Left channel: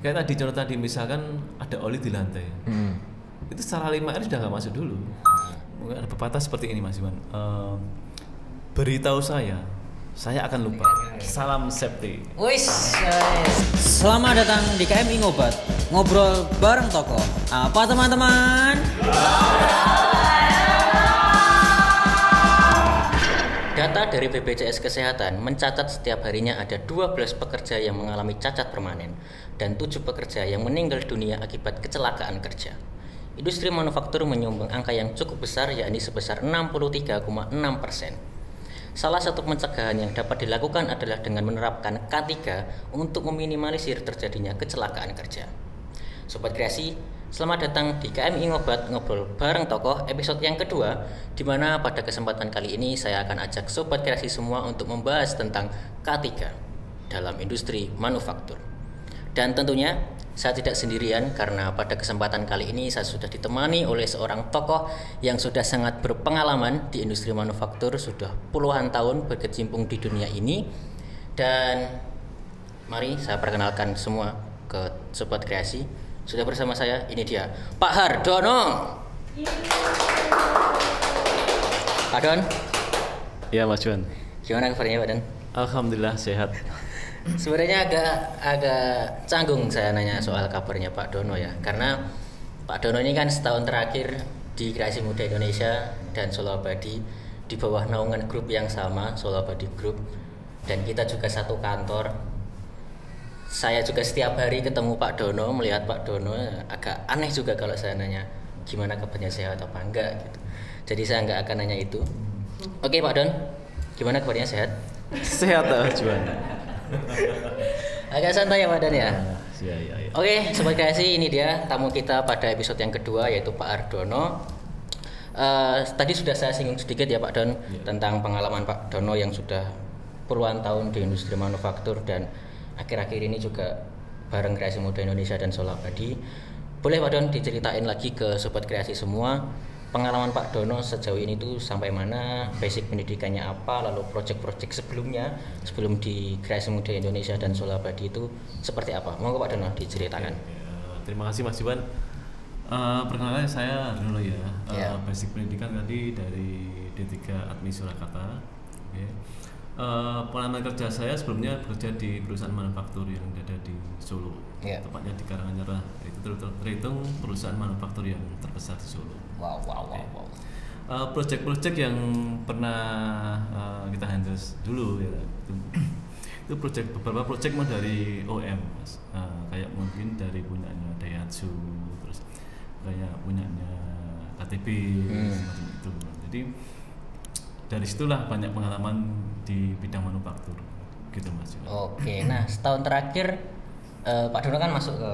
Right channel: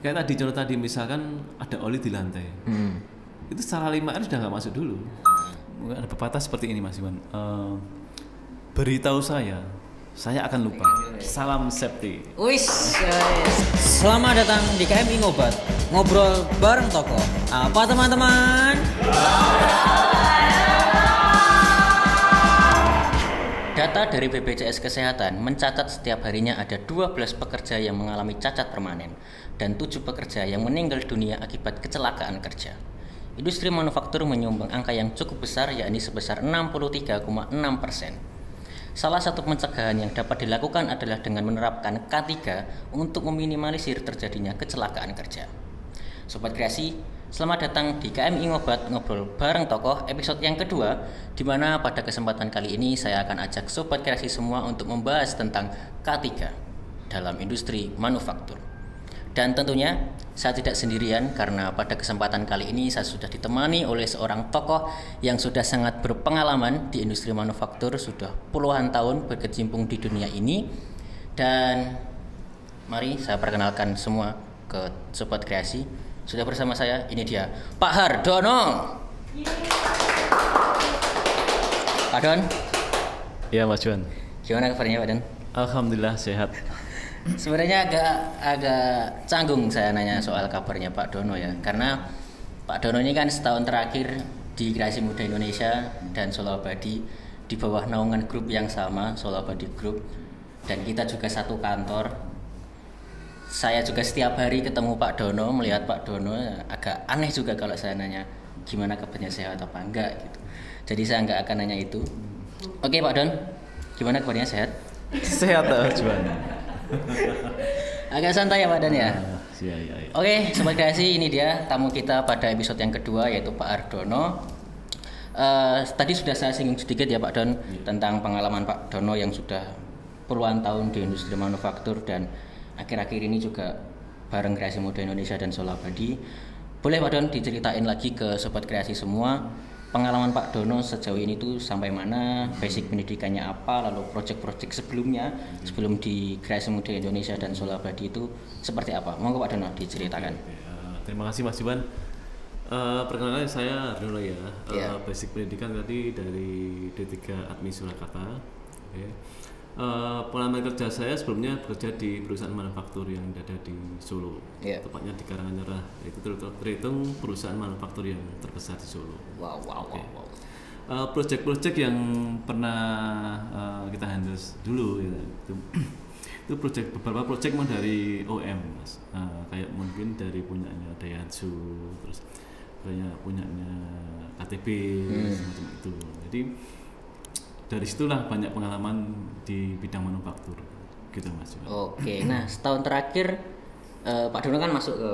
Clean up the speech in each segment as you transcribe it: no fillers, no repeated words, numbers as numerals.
Karena di contoh tadi misalkan ada oli di lantai, itu sama 5 sudah nggak masuk dulu. Patah seperti ini mas. Beritahu saya akan salam safety. Wis, selamat datang di KMI Ngobat, ngobrol bareng tokoh. Apa teman-teman? Data dari BPJS Kesehatan mencatat setiap harinya ada 12 pekerja yang mengalami cacat permanen dan 7 pekerja yang meninggal dunia akibat kecelakaan kerja. Industri manufaktur menyumbang angka yang cukup besar, yakni sebesar 63,6%. Salah satu pencegahan yang dapat dilakukan adalah dengan menerapkan K3 untuk meminimalisir terjadinya kecelakaan kerja. Sobat Kreasi, selamat datang di KMI Ngobat, ngobrol bareng tokoh, episode yang kedua, di mana pada kesempatan kali ini saya akan ajak Sobat Kreasi semua untuk membahas tentang K3 dalam industri manufaktur. Dan tentunya saya tidak sendirian, karena pada kesempatan kali ini saya sudah ditemani oleh seorang tokoh yang sudah sangat berpengalaman di industri manufaktur, sudah puluhan tahun berkecimpung di dunia ini. Dan mari saya perkenalkan semua ke Sobat Kreasi. Sudah bersama saya, ini dia Pak Hardono. Pak Don. Ya, Mas Don. Gimana kabarnya Pak Don? Alhamdulillah sehat. Sebenarnya agak canggung saya nanya soal kabarnya Pak Dono ya, karena Pak Dono ini kan setahun terakhir di Kreasi Muda Indonesia dan Solo Abadi di bawah naungan grup yang sama, Solo Abadi Group, dan kita juga satu kantor. Saya juga setiap hari ketemu Pak Dono, melihat Pak Dono, agak aneh juga kalau saya nanya gimana kabarnya, sehat apa enggak gitu. Jadi saya enggak akan nanya itu. Oke Pak Don, gimana kabarnya, sehat? Agak santai ya Pak Dan ya. Oke, Sobat Kreasi, ini dia tamu kita pada episode yang kedua, yaitu Pak Hardono. Tadi sudah saya singgung sedikit ya Pak Don tentang pengalaman Pak Dono yang sudah puluhan tahun di industri manufaktur dan akhir-akhir ini juga bareng Kreasi Muda Indonesia dan Solo Abadi. Boleh Pak Don diceritain lagi ke Sobat Kreasi semua, pengalaman Pak Dono sejauh ini tuh sampai mana, basic pendidikannya apa, lalu proyek-proyek sebelumnya sebelum di Kreasi Muda Indonesia dan Solo Abadi itu seperti apa? Monggo Pak Dono diceritakan. Terima kasih Mas Iwan. Perkenalkan saya Hardono ya. Basic pendidikan tadi dari D3 Admi Surakarta. Pengalaman kerja saya sebelumnya kerja di perusahaan manufaktur yang ada di Solo. Tepatnya di Karanganyar, itu terhitung perusahaan manufaktur yang terbesar di Solo. Wow. Proyek-proyek yang pernah kita handle dulu ya, itu beberapa proyek dari OM, kayak mungkin dari punyanya Daihatsu, kayak punyanya KTP, gitu. Jadi dari situlah banyak pengalaman di bidang manufaktur, gitu Mas. Oke, nah setahun terakhir Pak Dono kan masuk ke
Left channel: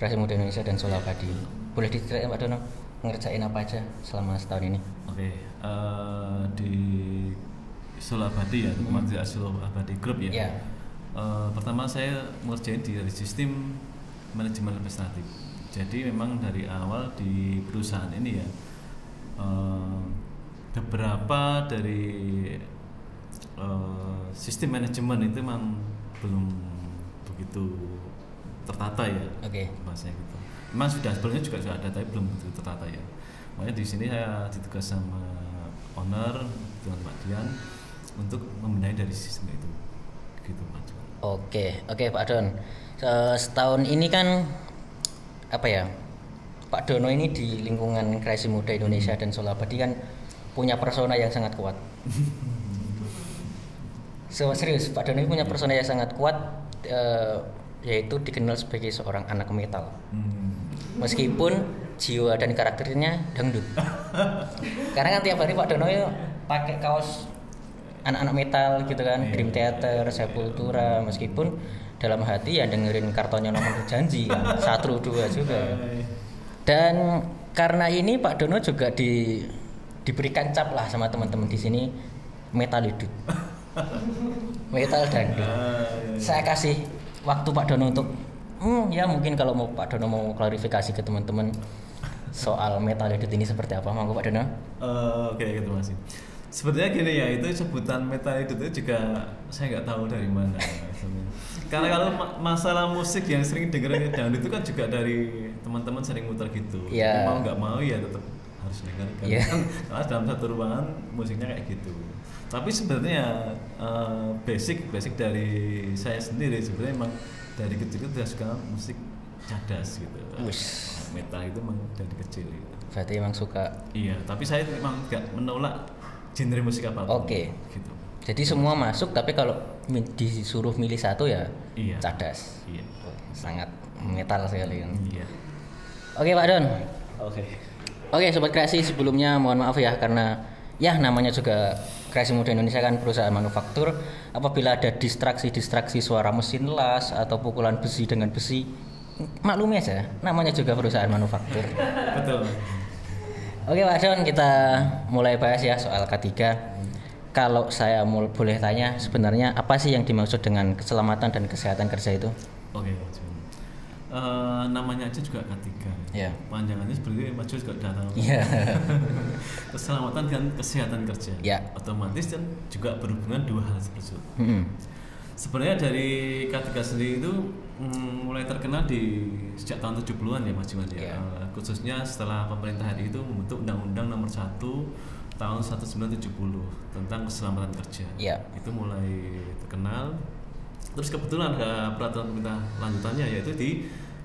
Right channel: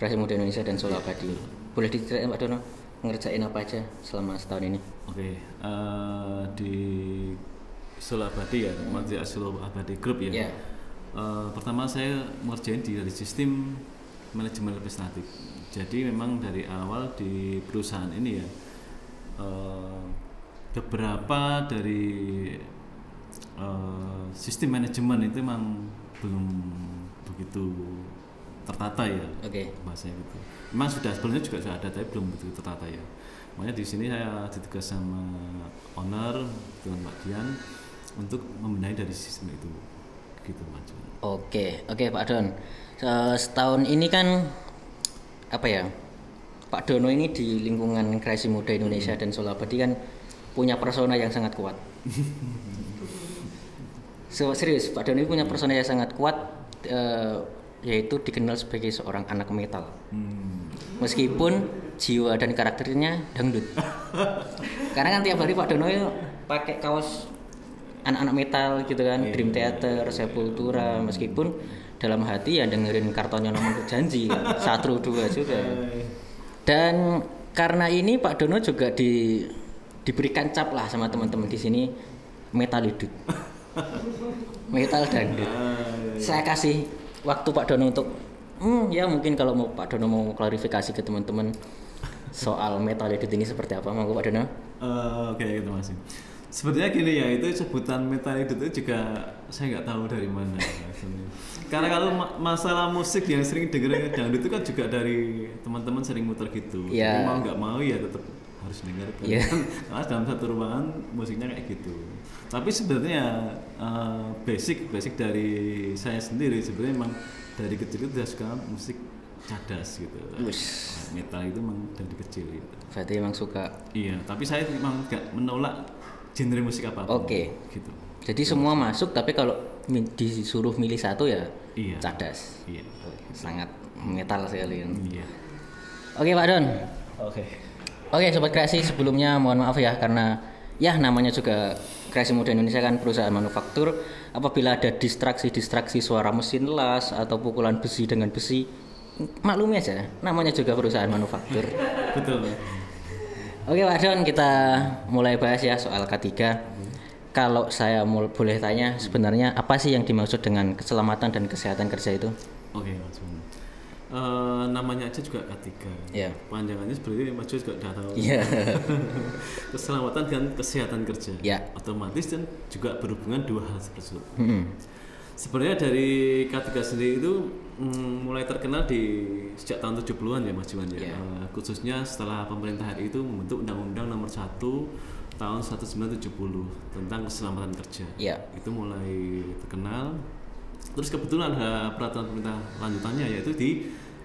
Kreasi Muda Indonesia dan Solo Abadi. Boleh diceritain Pak Dono ngerjain apa aja selama setahun ini? Oke, di Solo Abadi ya, Menteri Solo Abadi Group ya. Pertama saya ngerjain di sistem manajemen legislatif. Jadi memang dari awal di perusahaan ini ya, beberapa dari sistem manajemen itu memang belum begitu tertata ya. Oke. Mas sudah sebelumnya juga ada, tapi belum begitu tertata ya. Nah di sini saya ditugas sama owner kemudian untuk membenahi dari sistem itu. Gitu. Oke Pak Don. Setahun ini kan apa ya? Pak Dono ini di lingkungan Kreasi Muda Indonesia dan Solo Abadi kan punya persona yang sangat kuat. Serius, Pak Dono ini punya persona yang sangat kuat, yaitu dikenal sebagai seorang anak metal. Meskipun jiwa dan karakternya dangdut. Karena kan tiap hari Pak Dono itu pakai kaos anak-anak metal gitu kan, Dream Theater, Sepultura, meskipun dalam hati ya dengerin Kartonyo Nomor Janji kan, Satru 2 juga ya. Dan karena ini Pak Dono juga diberikan cap lah sama teman-teman di sini, metalidut. Metal dangdut. Saya kasih waktu Pak Dono untuk ya mungkin kalau mau Pak Dono mau klarifikasi ke teman-teman soal metalidut ini seperti apa, monggo Pak Dono. Oke, terima kasih. Sebenarnya gini ya, itu sebutan metalidut itu juga saya nggak tahu dari mana. Kalau masalah musik yang sering dengerin dangdut itu kan juga dari teman-teman sering muter gitu. Iya. Mau nggak mau ya tetap harus dengar. Iya. Malah dalam satu ruangan musiknya kayak gitu. Tapi sebenarnya basic dari saya sendiri sebenarnya memang dari kecil itu sudah suka musik cadas gitu. Wis. Metal itu memang dari kecil. Gitu. Berarti emang suka. Iya, tapi saya memang nggak menolak genre musik apa. Oke. Gitu. Jadi semua masuk, tapi kalau disuruh milih satu ya iya. cadas. Iya. Oh, sangat metal sekali kan. Iya. Oke Pak Don. Oke. Oke Sobat Kreasi, sebelumnya mohon maaf ya karena ya namanya juga Kreasi Muda Indonesia kan perusahaan manufaktur. Apabila ada distraksi suara mesin las atau pukulan besi dengan besi, maklumi aja, namanya juga perusahaan manufaktur. Betul. Oke Pak Don, kita mulai bahas ya soal K3. Kalau saya boleh tanya, sebenarnya apa sih yang dimaksud dengan keselamatan dan kesehatan kerja itu? Oke. Namanya aja juga K3. Ya. Panjangannya sebenarnya maksud juga dalam Iya. keselamatan dan kesehatan kerja. Ya. Otomatis kan juga berhubungan dua hal tersebut. Sebenarnya dari K3 sendiri itu mulai terkenal sejak tahun 70-an ya Mas Juwan ya. Yeah. Khususnya setelah pemerintah hari itu membentuk Undang-Undang Nomor 1 tahun 1970 tentang keselamatan kerja. Yeah. Itu mulai terkenal. Terus kebetulan ada peraturan pemerintah lanjutannya yaitu di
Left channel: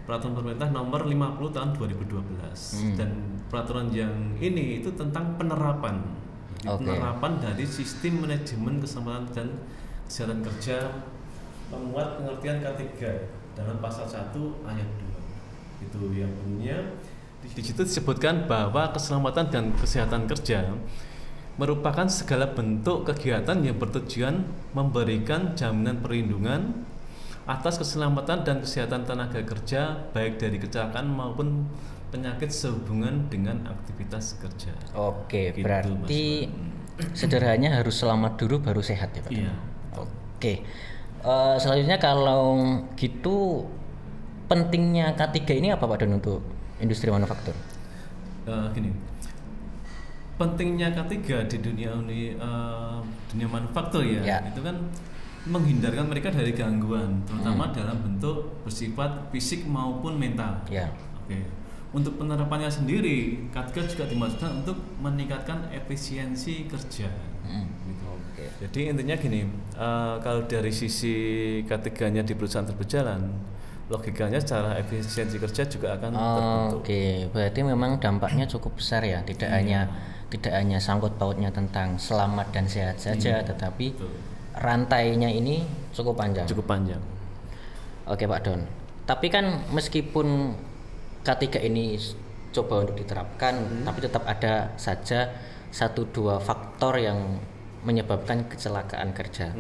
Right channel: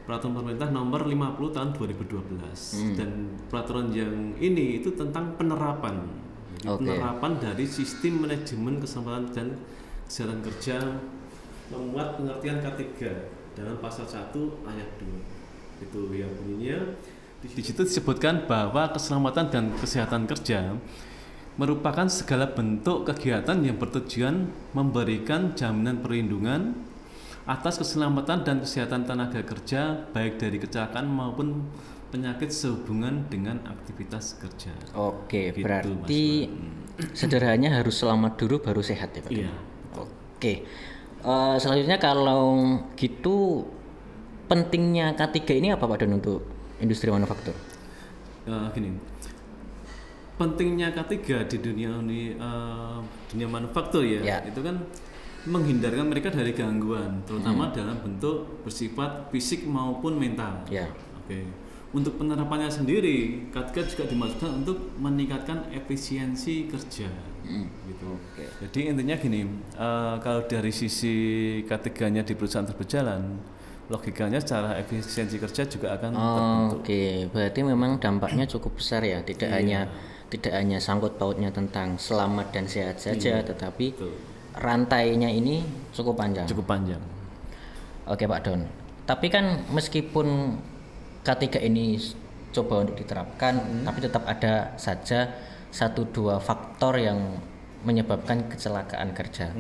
peraturan pemerintah Nomor 50 tahun 2012. Dan peraturan yang ini itu tentang penerapan. Okay. Penerapan dari sistem manajemen keselamatan dan kesehatan kerja membuat pengertian K3 dalam pasal 1 ayat 2. Itu yang bunyinya di situ disebutkan bahwa keselamatan dan kesehatan kerja merupakan segala bentuk kegiatan yang bertujuan memberikan jaminan perlindungan atas keselamatan dan kesehatan tenaga kerja baik dari kecelakaan maupun penyakit sehubungan dengan aktivitas kerja. Oke, berarti sederhananya harus selamat dulu baru sehat ya Pak. Iya. Oke. Selanjutnya kalau gitu pentingnya K3 ini apa Pak Don untuk industri manufaktur? Gini. Pentingnya K3 di dunia manufaktur ya, itu kan menghindarkan mereka dari gangguan, terutama dalam bentuk bersifat fisik maupun mental. Ya. Oke. Untuk penerapannya sendiri, K3 juga dimaksudkan untuk meningkatkan efisiensi kerja. Oke. Jadi intinya gini, kalau dari sisi K3-nya di perusahaan berjalan, logikanya secara efisiensi kerja juga akan. Oke, berarti memang dampaknya cukup besar ya, tidak hanya sangkut pautnya tentang selamat dan sehat saja, tetapi rantainya ini cukup panjang. Oke Pak Don, tapi kan meskipun K3 ini coba untuk diterapkan, tapi tetap ada saja 1-2 faktor yang menyebabkan kecelakaan kerja.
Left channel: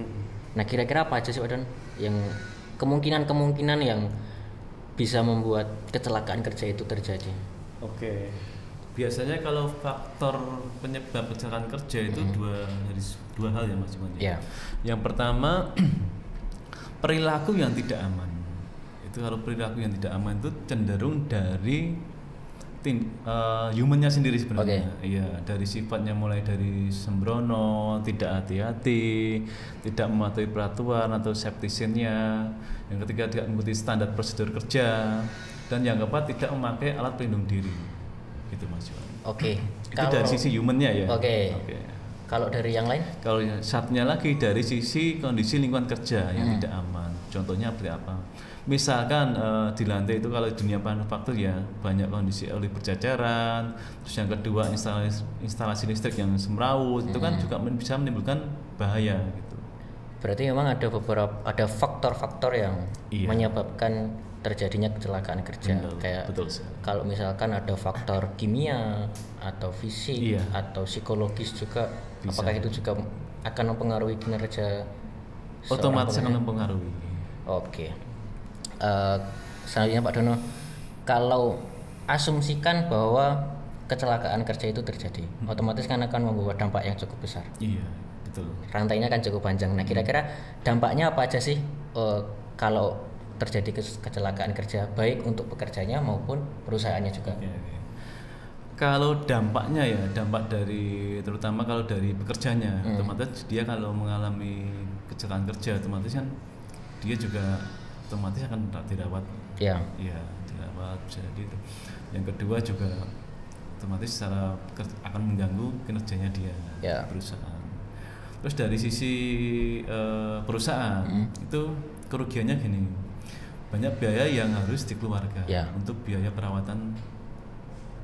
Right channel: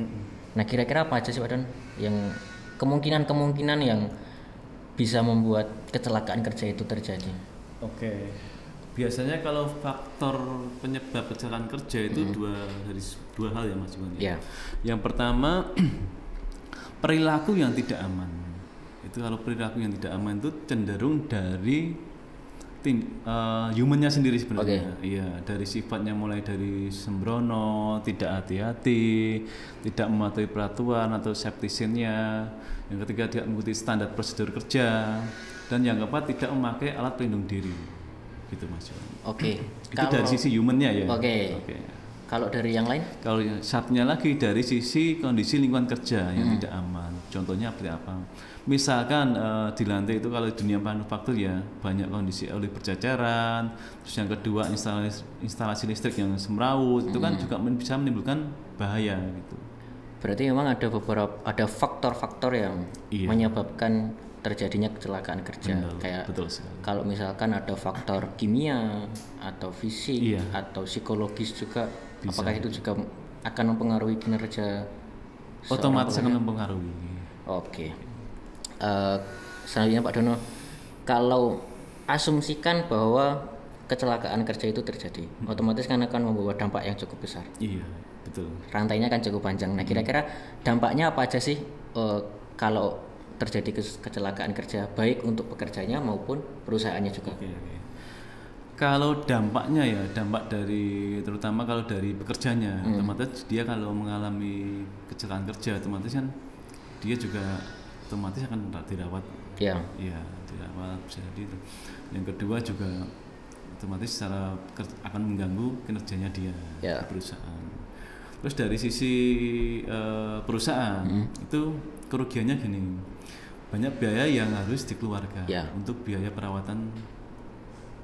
Nah kira-kira apa aja sih Pak Don yang kemungkinan yang bisa membuat kecelakaan kerja itu terjadi? Oke, biasanya kalau faktor penyebab kecelakaan kerja itu dua hal ya Mas. Ya. Yang pertama perilaku yang tidak aman. Itu kalau perilaku yang tidak aman itu cenderung dari humannya sendiri sebenarnya. Oke. Iya, dari sifatnya mulai dari sembrono, tidak hati-hati, tidak mematuhi peraturan atau septisinnya. Yang ketiga tidak mengikuti standar prosedur kerja, dan yang keempat tidak memakai alat pelindung diri. Gitu Mas. Oke. Kalau dari sisi humannya ya. Oke. Kalau dari yang lain? Kalau satunya lagi dari sisi kondisi lingkungan kerja yang tidak aman. Contohnya apa? Misalkan di lantai itu kalau dunia manufaktur ya banyak kondisi oleh berjajaran. Terus yang kedua instalasi listrik yang semrawut, itu kan juga bisa menimbulkan bahaya. Berarti memang ada faktor-faktor yang menyebabkan terjadinya kecelakaan kerja. Kayak kalau misalkan ada faktor kimia atau fisik atau psikologis juga, apakah itu juga akan mempengaruhi kinerja seorang pekerja? Oke. Selanjutnya Pak Dono, kalau asumsikan bahwa kecelakaan kerja itu terjadi, otomatis kan akan membawa dampak yang cukup besar. Iya, betul. Rantainya kan cukup panjang. Nah, kira-kira dampaknya apa aja sih kalau terjadi kecelakaan kerja, baik untuk pekerjanya maupun perusahaannya juga? Kalau dampaknya ya, dampak dari terutama kalau dari pekerjanya, maka dia kalau mengalami kecelakaan kerja, otomatis kan dia juga otomatis akan tidak dapat Ya. tidak jadi yang kedua juga otomatis akan mengganggu kinerjanya dia Ya. perusahaan. Terus dari sisi perusahaan itu kerugiannya gini, banyak biaya yang harus dikeluarkan untuk biaya perawatan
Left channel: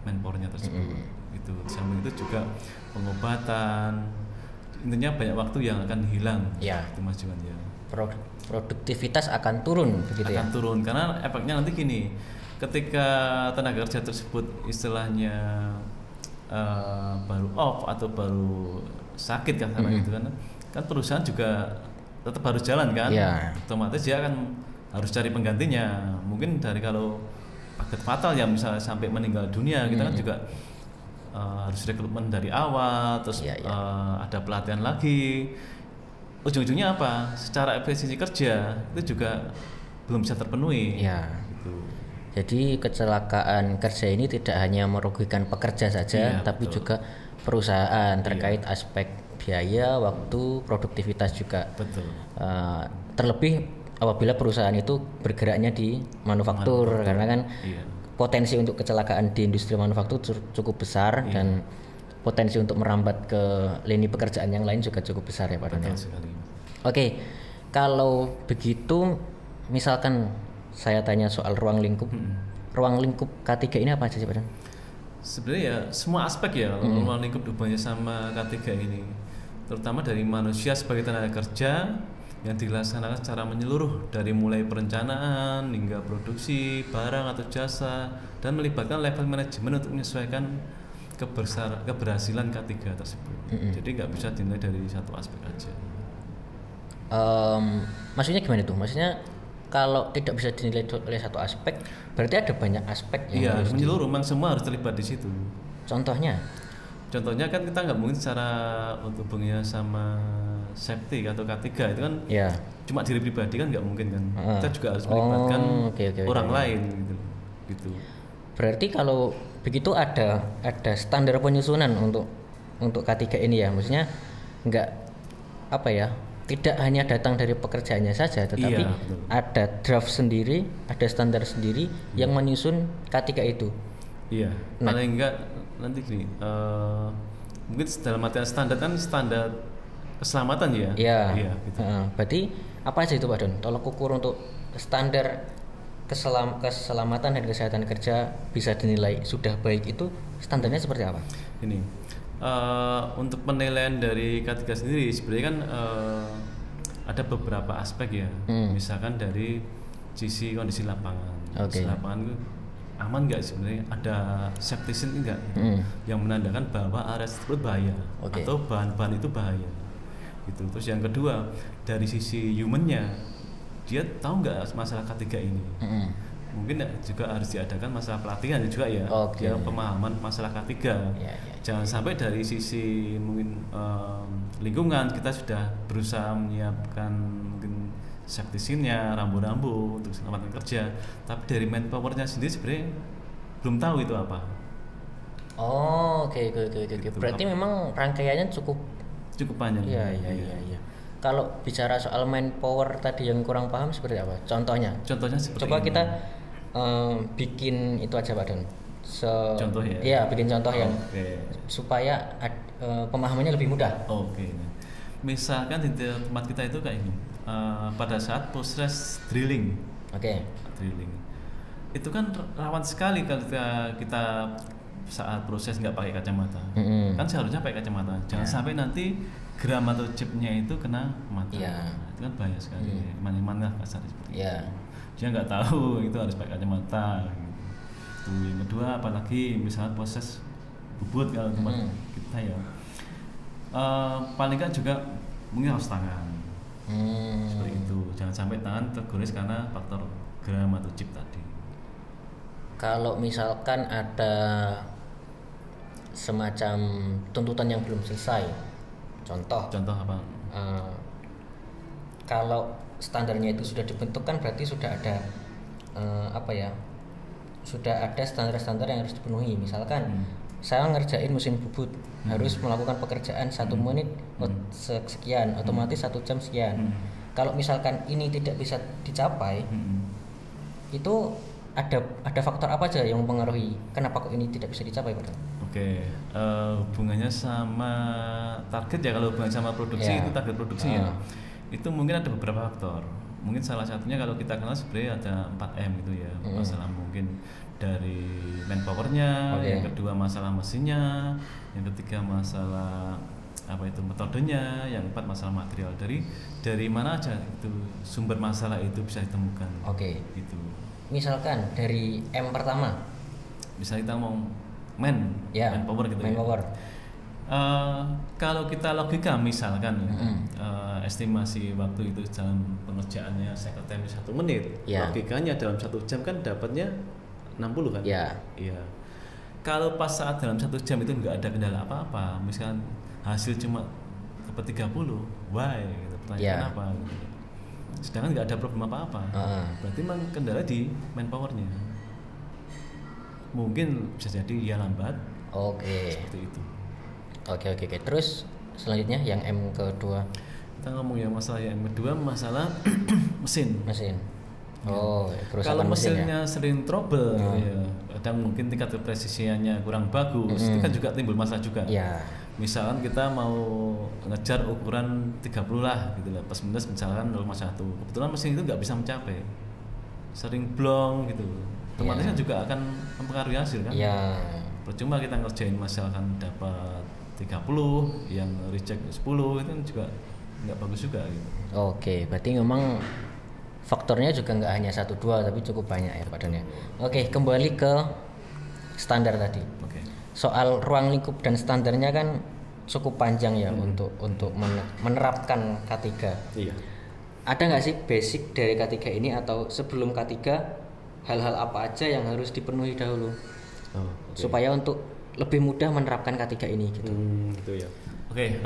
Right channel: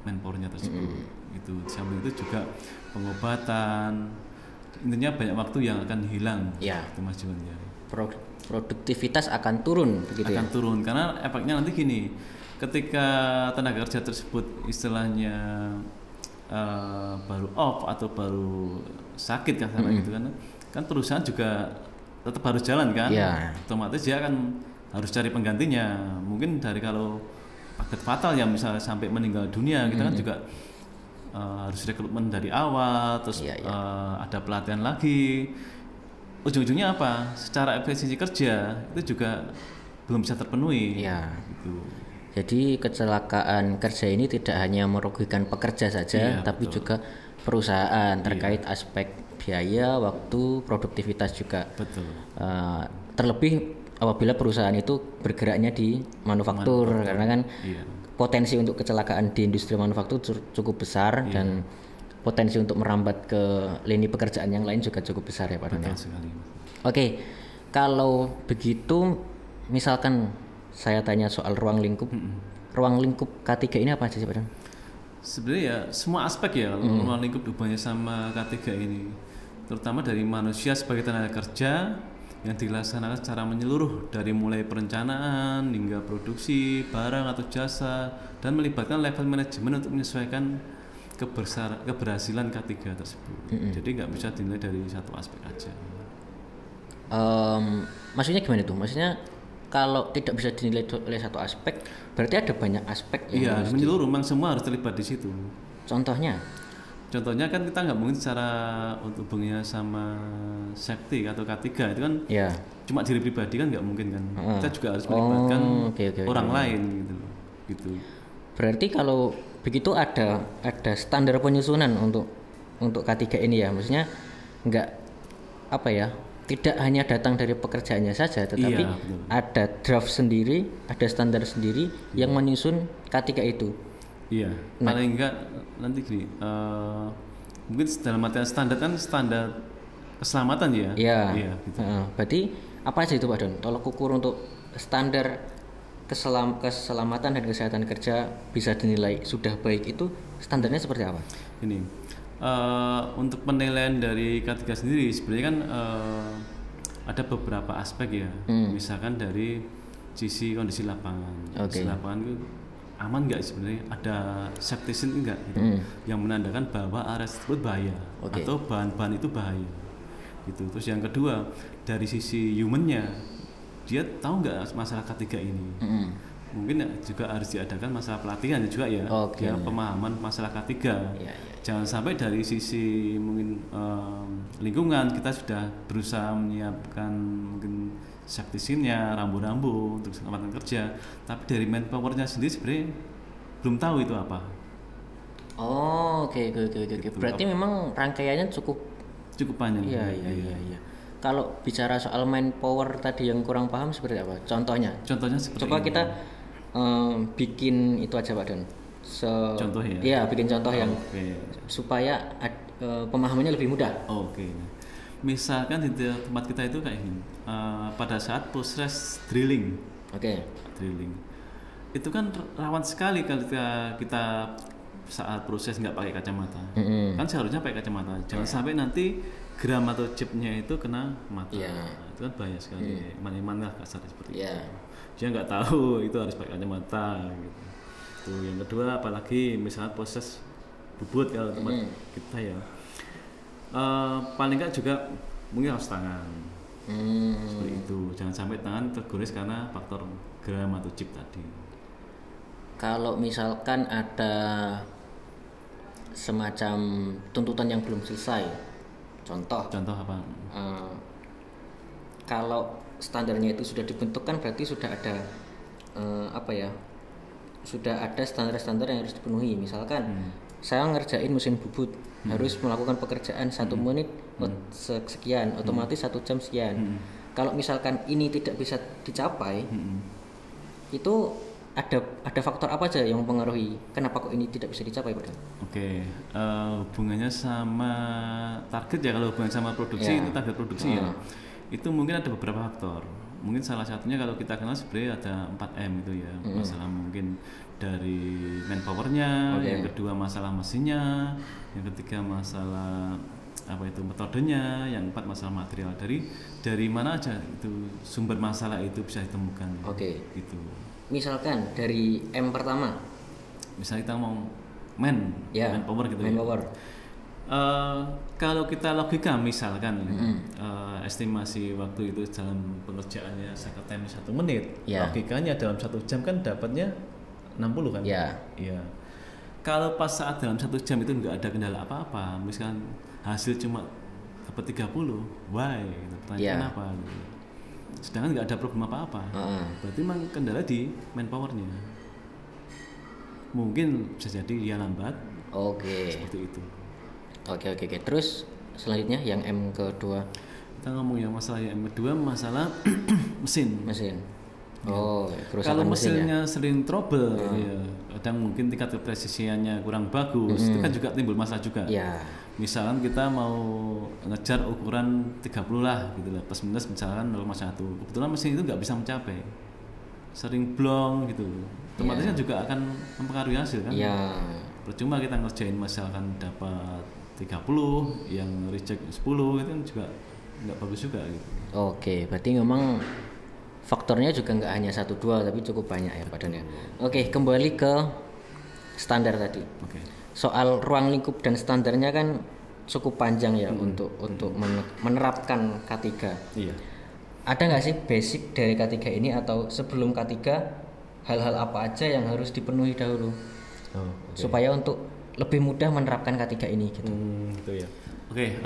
manpowernya tersebut. Gitu. Selain itu juga pengobatan, intinya banyak waktu yang akan hilang. Ya. Produktivitas akan turun begitu ya? Turun karena efeknya nanti gini, ketika tenaga kerja tersebut istilahnya baru off atau baru sakit kan, kan perusahaan juga tetap harus jalan kan, otomatis dia kan harus cari penggantinya. Mungkin dari kalau fatal ya misalnya sampai meninggal dunia, juga harus rekrutmen dari awal, terus ada pelatihan lagi. Ujung-ujungnya apa? Secara efisiensi kerja itu juga belum bisa terpenuhi. Ya. Jadi kecelakaan kerja ini tidak hanya merugikan pekerja saja, tapi juga perusahaan terkait aspek biaya, waktu, produktivitas juga. Terlebih apabila perusahaan itu bergeraknya di manufaktur, karena kan potensi untuk kecelakaan di industri manufaktur cukup besar dan potensi untuk merambat ke lini pekerjaan yang lain juga cukup besar ya Pak Don ya. Oke, kalau begitu misalkan saya tanya soal ruang lingkup K3 ini apa aja sih Pak Don? Sebenarnya ya semua aspek ya ruang lingkup dibahas sama K3 ini, terutama dari manusia sebagai tenaga kerja yang dilaksanakan secara menyeluruh dari mulai perencanaan hingga produksi barang atau jasa dan melibatkan level manajemen untuk menyesuaikan keberhasilan K3 tersebut. Jadi nggak bisa dinilai dari satu aspek aja. Maksudnya gimana tuh? Maksudnya kalau tidak bisa dinilai oleh satu aspek, berarti ada banyak aspek yang harus menyeluruh, semua harus terlibat di situ. Contohnya kan kita nggak mungkin secara hubungannya sama safety atau K3 itu kan cuma diri pribadi kan nggak mungkin kan. Kita juga harus orang lain. Gitu. Berarti kalau begitu ada standar penyusunan untuk K3 ini ya, maksudnya nggak tidak hanya datang dari pekerjaannya saja, tetapi ada draft sendiri, ada standar sendiri yang menyusun K3 itu. Iya. Nah, paling enggak nanti mungkin dalam artian standar kan standar keselamatan ya. Iya. Berarti apa aja itu Pak Don? Tolok ukur untuk standar keselamatan dan kesehatan kerja bisa dinilai sudah baik itu standarnya seperti apa? Ini untuk penilaian dari K3 sendiri sebenarnya kan ada beberapa aspek ya. Misalkan dari sisi kondisi lapangan. Lapangan itu aman nggak sebenarnya, ada safety seal enggak yang menandakan bahwa area itu bahaya atau bahan-bahan itu bahaya. Itu. Terus yang kedua dari sisi humannya, dia tahu nggak masalah K3 ini. Mungkin juga harus diadakan masalah pelatihan juga ya. Pemahaman masalah K3. Jangan sampai dari sisi mungkin lingkungan kita sudah berusaha menyiapkan safety seal-nya, rambu-rambu, terus tempat kerja, tapi dari manpower-nya sendiri sebenarnya belum tahu itu apa. Oke. Berarti memang rangkaiannya cukup banyak. Iya. Kalau bicara soal manpower tadi yang kurang paham seperti apa? Contohnya coba kita bikin itu aja Pak Don. Bikin contoh yang supaya pemahamannya lebih mudah. Misalkan di tempat kita itu kayak ini. Pada saat proses drilling, itu kan rawan sekali kalau kita saat proses nggak pakai kacamata. Kan seharusnya pakai kacamata. Jangan sampai nanti gram atau chipnya itu kena mata. Itu kan bahaya sekali. Maniman lah kasar seperti itu. Dia nggak tahu itu harus pakai kacamata. Gitu. Yang kedua, apalagi misalnya proses bubut kalau tempat kita ya, paling kan juga mungkin harus tangan. Itu jangan sampai tangan tergores karena faktor gram atau chip tadi. Kalau misalkan ada semacam tuntutan yang belum selesai, contoh apa? Kalau standarnya itu sudah dibentuk kan berarti sudah ada sudah ada standar-standar yang harus dipenuhi. Misalkan saya ngerjain mesin bubut harus melakukan pekerjaan 1 menit sekian, otomatis 1 jam sekian. kalau misalkan ini tidak bisa dicapai, itu ada faktor apa aja yang mempengaruhi kenapa kok ini tidak bisa dicapai padahal? Oke, hubungannya sama target ya, kalau hubungan sama produksi, Ya. target produksi ya, itu mungkin ada beberapa faktor. Mungkin salah satunya kalau kita kenal sebenarnya ada 4M itu ya. Masalah mungkin dari manpowernya, Oke. yang kedua masalah mesinnya, yang ketiga masalah apa itu metodenya, yang keempat masalah material. Dari mana aja itu sumber masalah itu bisa ditemukan. Oke. Gitu. Misalkan dari M pertama, Misalnya kita mau ya, manpower gitu. manpower. Kalau kita logika misalkan estimasi waktu itu dalam pekerjaannya sekretariat 1 menit, Ya. logikanya dalam 1 jam kan dapatnya 60 kan? Ya. Iya. Kalau pas saat dalam 1 jam itu nggak ada kendala apa-apa, misalkan hasil cuma ke 30, why? Ya. Sedangkan nggak ada problem apa-apa. Berarti memang kendala di manpowernya. Mungkin bisa jadi dia lambat. Oke. Seperti itu. Oke. Terus selanjutnya yang M kedua, Kita ngomong yang masalah yang kedua, masalah mesin. Oh, kerusakan Kalau mesin ya. mesinnya sering trouble, ya, ada mungkin tingkat kepresisiannya kurang bagus, kita juga timbul masalah juga. Ya. Misalnya kita mau ngejar ukuran 30 lah, gitu, plus minus misalnya 0,1, itu kan mesin itu nggak bisa mencapai, sering blong gitu. Ya. Makanya juga akan mempengaruhi hasil. Kan? Ya. Percuma kita ngerjain misalkan dapat 30, yang reject 10 itu juga nggak bagus juga. Gitu. Oke, berarti memang faktornya juga nggak hanya 1-2 tapi cukup banyak ya Pak Dan ya. Oke, kembali ke standar tadi. Soal ruang lingkup dan standarnya kan cukup panjang ya untuk menerapkan K3. Iya. Ada nggak sih basic dari K3 ini, atau sebelum K3 hal-hal apa aja yang harus dipenuhi dahulu supaya untuk lebih mudah menerapkan K3 ini gitu? Oke,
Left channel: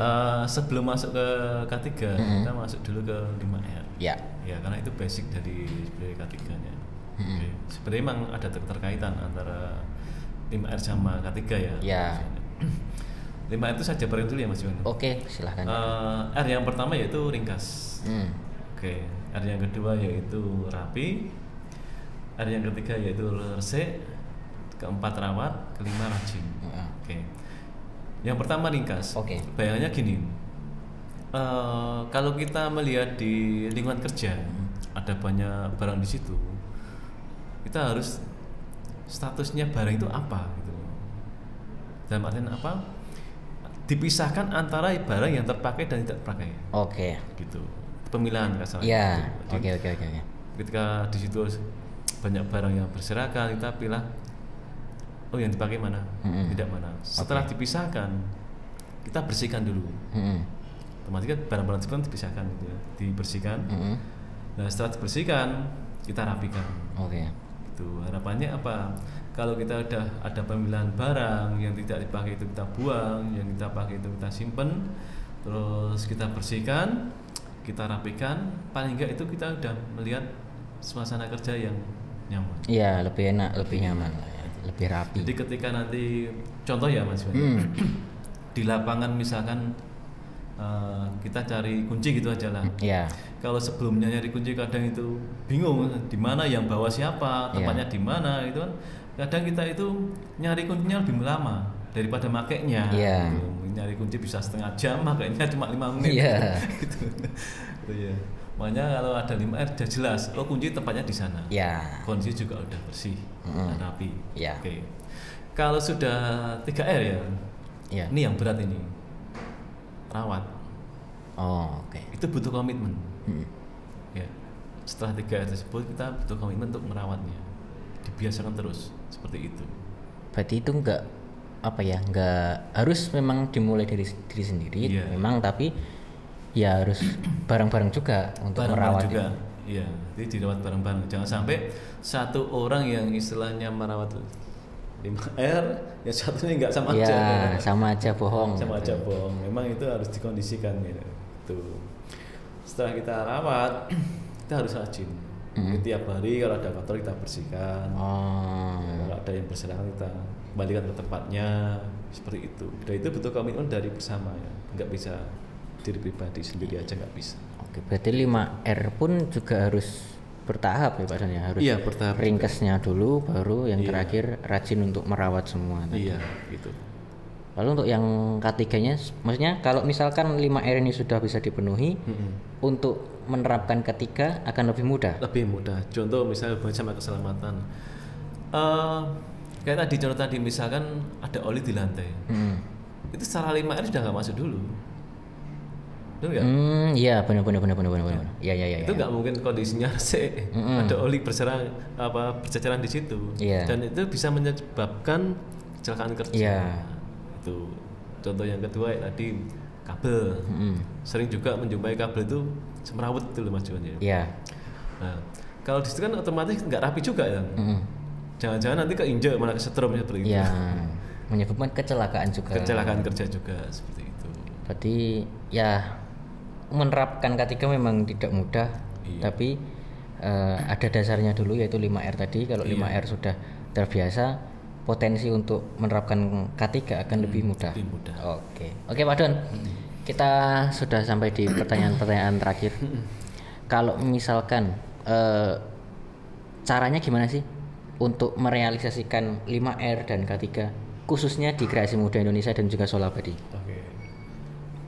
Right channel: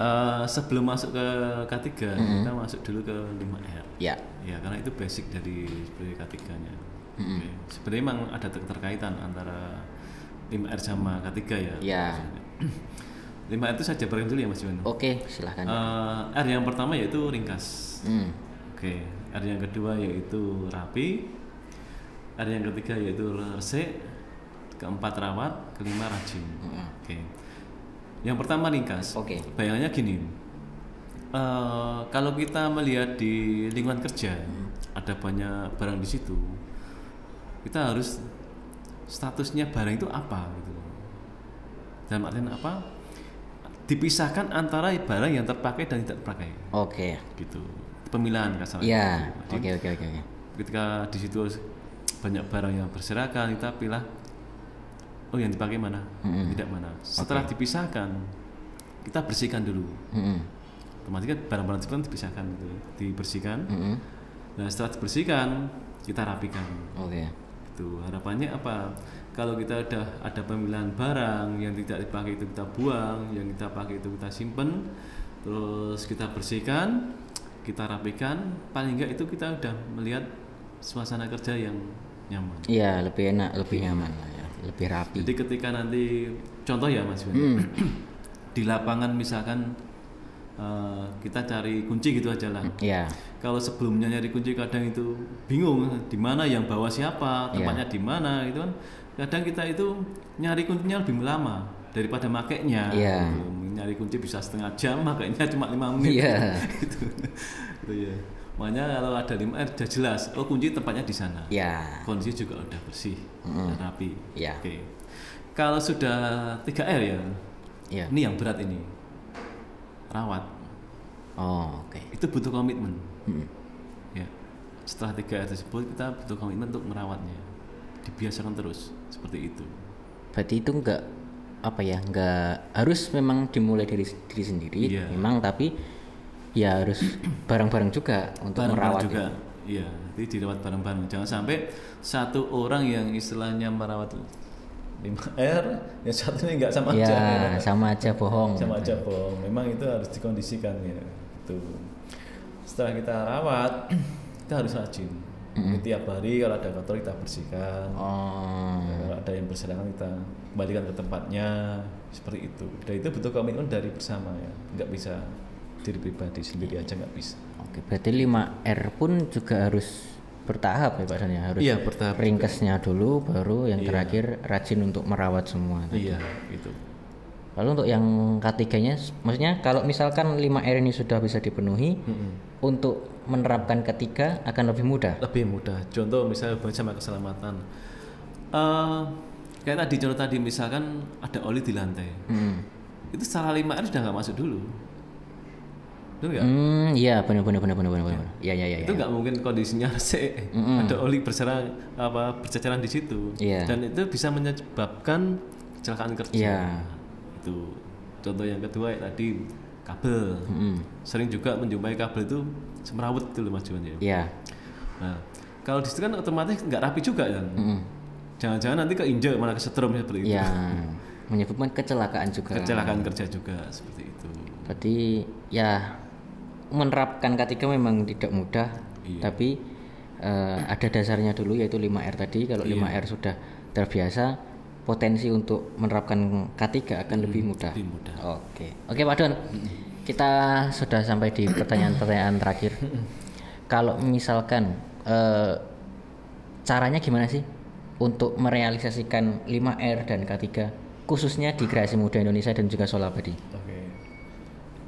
sebelum masuk ke K3, kita masuk dulu ke 5M. Ya. Ya, karena itu basic dari K3-nya. Sebenarnya memang ada keterkaitan antara 5R sama K3 ya. Ya. 5R itu saya jabarin dulu ya Mas Wan. Oke, silahkan. R yang pertama yaitu ringkas. Oke, R yang kedua yaitu rapi. R yang ketiga yaitu resik. Keempat rawat, kelima rajin. Oke. Yang pertama ringkas. Oke. Bayangannya gini. Kalau kita melihat di lingkungan kerja, ada banyak barang di situ. Kita harus statusnya barang itu apa? Dan barang apa? Dipisahkan antara barang yang terpakai dan tidak terpakai. Oke. Gitu. Pemilahan misalnya. Ya. Oke. Ketika di situ banyak barang yang berserakan, kita pilih yang dipakai mana? Tidak mana. Setelah dipisahkan, kita bersihkan dulu. Nanti kan barang-barang tersebut dibersihkan. Dan setelah dibersihkan, kita rapikan. Oke. Itu harapannya apa? Kalau kita ada pemilihan barang yang tidak dipakai itu kita buang, yang kita pakai itu kita simpan, terus kita bersihkan, kita rapikan, paling enggak itu kita udah melihat suasana kerja yang nyaman. Iya, lebih enak, lebih nyaman lah ya, lebih rapi. Jadi ketika nanti contoh ya Mas, di lapangan misalkan kita cari kunci gitu aja lah. Iya. Kalau sebelumnya nyari kunci kadang itu bingung di mana yang bawa siapa, namanya di mana itu. Kadang kita itu nyari kuncinya lebih lama daripada makainya. Iya. Nyari kunci bisa setengah jam, makainya cuma 5 menit. Iya. Iya. Makanya kalau ada 5R sudah jelas, oh kunci tempatnya di sana. Iya. Kunci juga udah bersih, rapi. Iya. Oke. Kalau sudah 3R ya, Iya. ini yang berat ini, rawat. Oh, oke. Itu butuh komitmen. Ya. Setelah 3R tersebut kita butuh komitmen untuk merawatnya. Dibiasakan terus seperti itu. Berarti itu enggak harus memang dimulai dari diri sendiri, memang, tapi ya harus bareng-bareng juga untuk merawat itu. Iya, jadi dirawat bareng-bareng. Jangan sampai satu orang yang istilahnya merawat 5R, yang satu ini enggak sama. Iya, sama aja bohong Sama gitu. aja bohong. Memang itu harus dikondisikan ya. Tuh. Setelah kita rawat, kita harus rajin. Tiap hari kalau ada kotor kita bersihkan. Kalau ada yang bersangkutan kembalikan ke tempatnya, seperti itu. Dan itu butuh komitmen dari bersama, nggak bisa diri-diri di sini aja nggak bisa. Oke, Berarti 5R pun juga harus bertahap ya Pak Dan ya, harus ringkesnya dulu baru yang terakhir rajin untuk merawat semua tadi. Lalu untuk yang ketiganya, maksudnya kalau misalkan 5R ini sudah bisa dipenuhi, untuk menerapkan ketiga akan lebih mudah. Lebih mudah. Contoh misalnya keselamatan. Kayak tadi contoh tadi misalkan ada oli di lantai. Itu sama 5R sudah nggak masuk dulu. Iya benar. Iya. Itu nggak mungkin kondisinya AC. Ada oli berjalan di situ. Iya. Dan itu bisa menyebabkan kecelakaan kerja. Iya. Contoh yang kedua ya tadi kabel. Sering juga menjumpai kabel itu semerawut itu loh Mas Jody. Iya. Nah, kalau di situ kan otomatis nggak rapi juga kan. Jangan-jangan nanti keinjak malah setrum itu. Iya. Menyebabkan kecelakaan juga. Kecelakaan kerja juga seperti itu. Berarti ya menerapkan ketiga memang tidak mudah, tapi ada dasarnya dulu yaitu 5R tadi. Kalau 5R sudah terbiasa, potensi untuk menerapkan K3 akan lebih mudah. Oke Pak Don, kita sudah sampai di pertanyaan-pertanyaan terakhir. Kalau misalkan caranya gimana sih untuk merealisasikan 5R dan K3 khususnya di Kreasi Muda Indonesia dan juga Solabadi?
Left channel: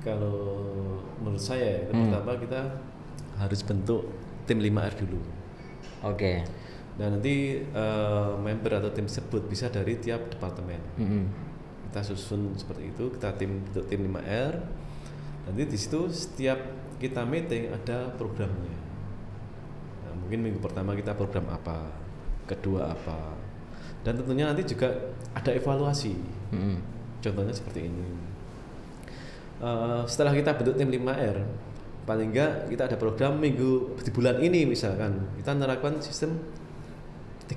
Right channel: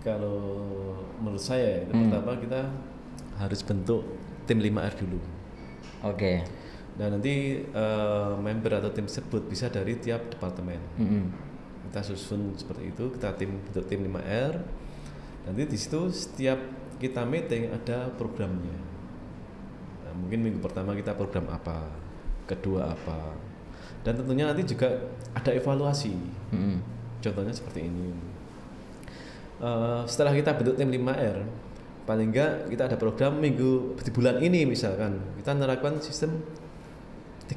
Kalau menurut saya pertama kita harus bentuk tim 5R dulu. Oke. Nanti member atau tim tersebut bisa dari tiap departemen. Kita susun seperti itu, kita bentuk tim 5R. Nanti di situ setiap kita meeting ada programnya. Mungkin minggu pertama kita program apa, kedua apa. Dan tentunya nanti juga ada evaluasi. Contohnya seperti ini. Setelah kita bentuk tim 5R, paling enggak kita ada program minggu di bulan ini misalkan kita menerapkan sistem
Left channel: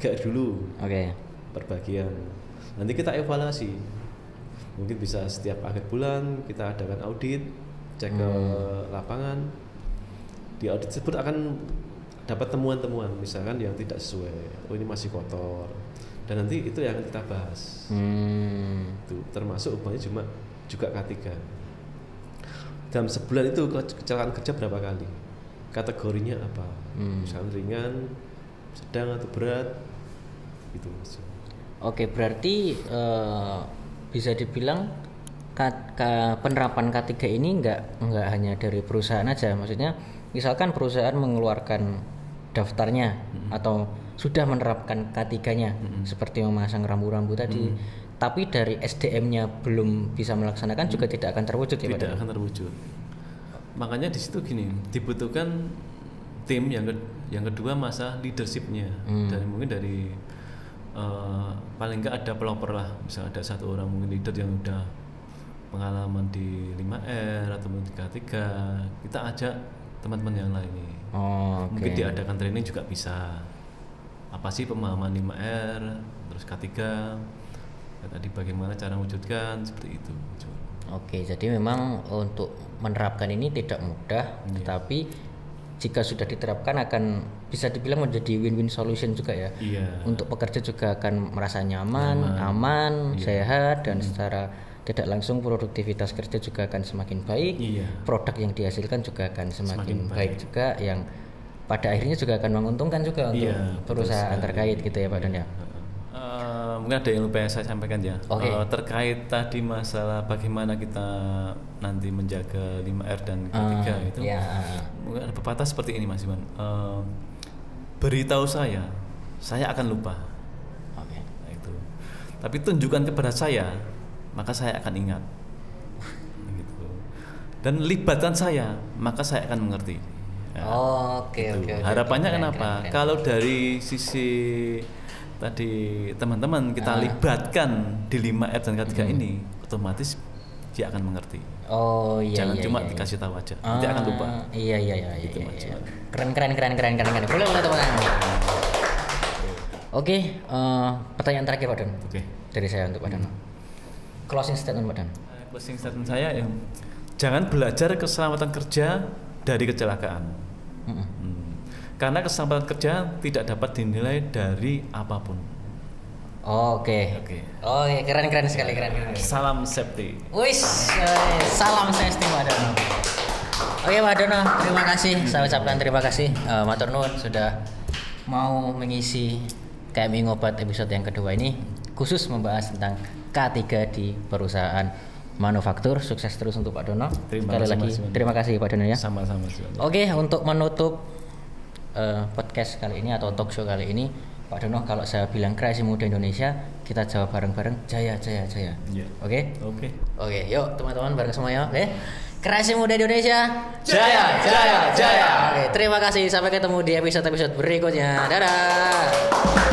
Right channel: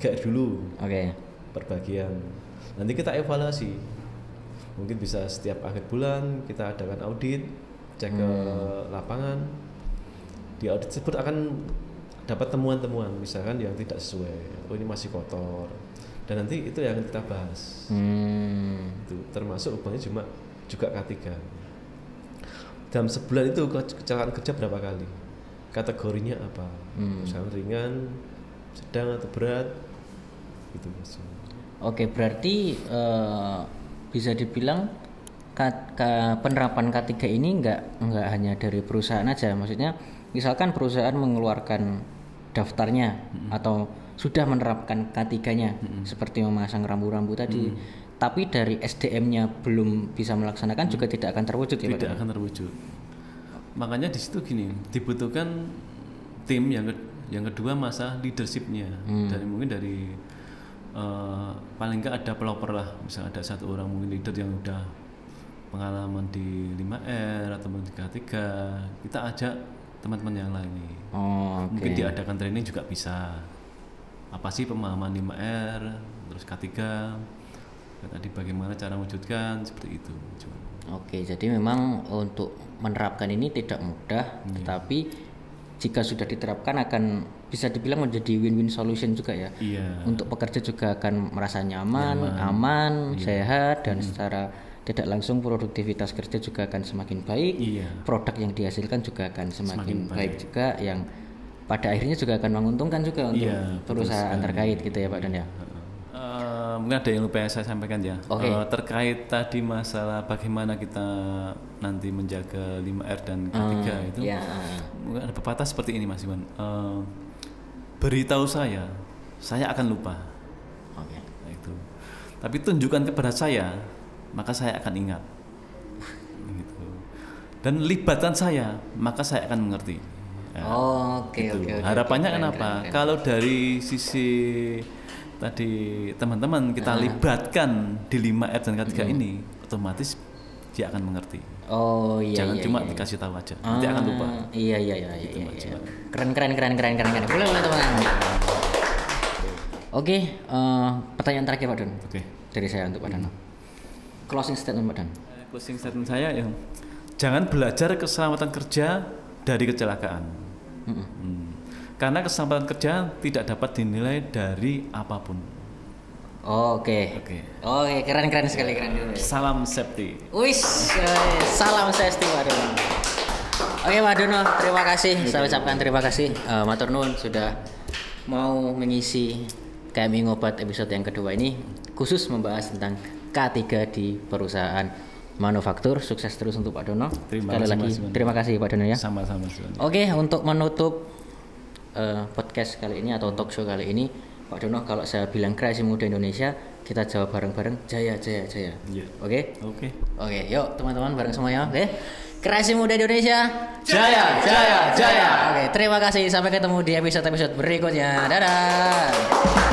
3 dulu. Perbagian. Nanti kita evaluasi. Mungkin bisa setiap akhir bulan kita adakan audit, cek lapangan. Di audit tersebut akan dapat temuan-temuan misalkan yang tidak sesuai, ini masih kotor. Dan nanti itu yang kita bahas. Itu termasuk untuk juga K3. Dalam sebulan itu cara kerja berapa kali? Kategorinya apa? Ringan, sedang, berat. Oke, berarti bisa dibilang penerapan K3 ini nggak hanya dari perusahaan aja. Maksudnya misalkan perusahaan mengeluarkan daftarnya atau sudah menerapkan K3-nya seperti memasang rambu-rambu tadi, tapi dari SDM-nya belum bisa melaksanakan juga tidak akan terwujud ya Pak Dan. Makanya di situ gini, dibutuhkan timnya, yang kedua masa leadership-nya. Dan mungkin dari paling nggak ada pelopor lah, bisa ada satu orang leader yang udah pengalaman di 5R atau di K3, kita ajak teman-teman yang lain. Oke. Ada menteri ini juga bisa apa sih pemahaman 5R, K3, nanti bagaimana cara mewujudkan seperti itu. Oke, jadi memang untuk menerapkan ini tidak mudah, tetapi jika sudah diterapkan akan bisa dibilang menjadi win-win solution juga ya. Untuk pekerja juga akan merasa nyaman, aman, sehat, dan secara tidak langsung produktivitas kerja juga akan semakin baik. Produk yang dihasilkan juga akan semakin baik juga, yang pada akhirnya juga akan menguntungkan juga untuk perusahaan terkait gitu ya Pak Dan ya. Ada yang lupa saya sampaikan ya. Oke. Terkait tadi masalah bagaimana kita nanti menjaga 5R dan batas seperti ini Mas. Beritahu saya akan lupa. Tapi tunjukkan kepada saya, maka saya akan ingat. Dan libatkan saya, maka saya akan mengerti. Keren. Kalau dari sisi tadi teman-teman kita libatkan di 5R dan ini, otomatis dia akan mengerti. Iya. Keren. Boleh teman-teman. Oke, pertanyaan terakhir Pak Dan dari saya untuk Pak Dan. Closing statement Pak Dan. Closing statement saya ya, jangan belajar keselamatan kerja dari kecelakaan. Karena keselamatan kerja tidak dapat dinilai dari apapun. Oke, keren sekali. Salam safety. Salam safety Pak Dan. Oke Pak Dono, terima kasih. Saya ucapkan terima kasih. Matur nuwun sudah mau mengisi KMI Ngobat episode yang kedua ini, khusus membahas tentang K3 di perusahaan manufaktur. Sukses terus untuk Pak Dono. Sekali lagi terima kasih Pak Dono ya. Oke, untuk menutup podcast kali ini atau talk show kali ini, Pak Dono, kalau saya bilang kreasi muda Indonesia, kita jawab bareng-bareng jaya jaya jaya. Oke? Oke, yuk teman-teman bareng semuanya. Oke. Kreasi muda Indonesia, jaya jaya jaya. Oke, terima kasih. Sampai ketemu di episode-episode berikutnya. Dadah.